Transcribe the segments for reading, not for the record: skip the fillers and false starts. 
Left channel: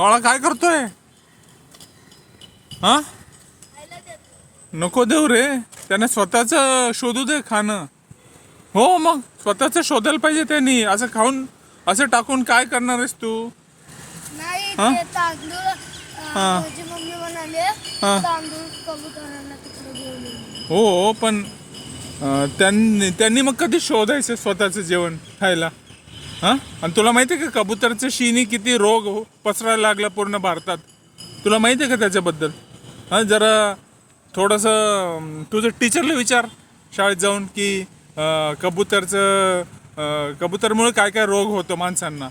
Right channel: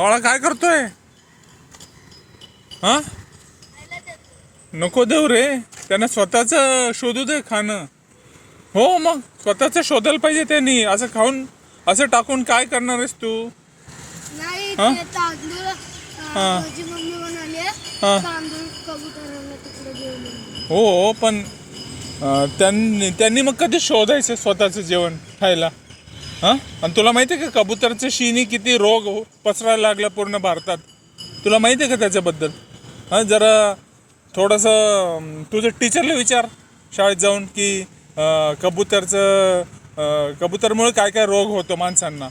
बाळा काय करतोय? हा, नको देऊ रे, त्याने स्वतःच शोधू दे खाणं. हो मग स्वतःच शोधायला पाहिजे त्यांनी. असं खाऊन असं टाकून काय करणार आहेस तू? नाही हा? ते तांदूळ हा. माझी मम्मी म्हणाले हा. तांदूळ कबुतरांना तिकडे घेऊन ये. हो पण त्यांनी त्यांनी मग कधी शोधायचं स्वतःचं जेवण खायला? हां, आणि तुला माहिती आहे का कबुतरच्या शिनी किती रोग पसरायला लागला पूर्ण भारतात? तुला माहिती आहे का त्याच्याबद्दल? हां, जरा थोडंसं तुझं टीचरला विचार शाळेत जाऊन की कबुतरमुळे काय काय रोग होतो माणसांना.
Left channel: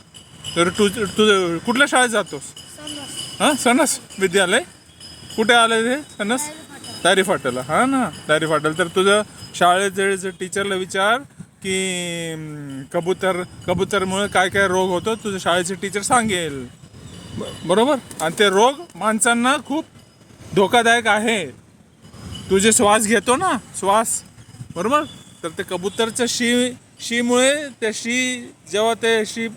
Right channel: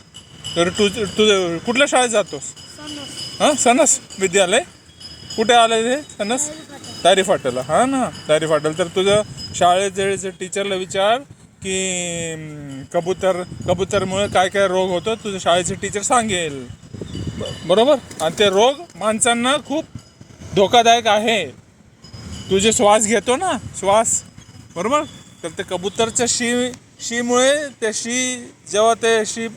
तर तुझं कुठल्या शाळेत जातोस? समज हां, सनस विद्यालय. कुठे आलं ते सनस? तारी फाट्याला. हा ना, तारी फाट्याला. तर तुझं शाळेत जर टीचरला विचार की कबूतरमुळे काय काय रोग होतो, तुझं शाळेचे टीचर सांगेल. बरोबर. आणि ते रोग माणसांना खूप धोकादायक आहे. तुझे श्वास घेतो ना, श्वास, बरोबर, तर ते कबूतरच्या शीमुळे त्या जेव्हा ते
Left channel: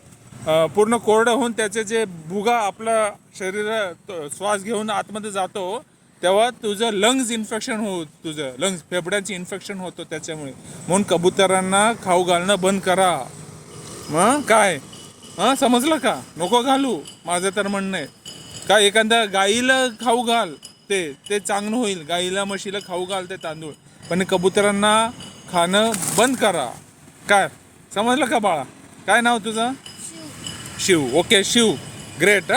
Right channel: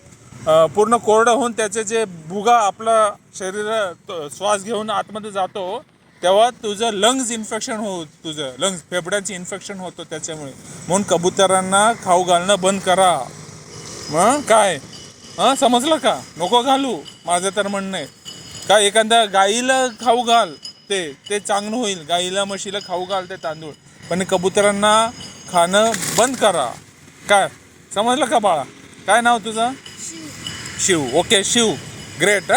पूर्ण कोरडं होऊन त्याचे जे भुगा आपला शरीरात श्वास घेऊन आतमध्ये जातो, तेव्हा तुझं लंग्स इन्फेक्शन तुझं लंग्स फेफड्यांची इन्फेक्शन होतं त्याच्यामुळे. म्हणून कबुतरांना खाऊ घालणं बंद करा. मग काय? हां, समजलं का? नको घालू, माझं तर म्हणणं आहे. का एखाद्या गाईला खाऊ घाल, ते चांगलं होईल. गाईला म्हशीला खाऊ घाल ते तांदूळ, पण कबुतरांना खाणं बंद करा. काय समजलं का बाळा? काय नाव तुझं? शिव. Okay Shiv, great.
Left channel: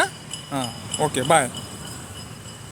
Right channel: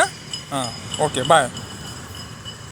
हां, ओके, बाय.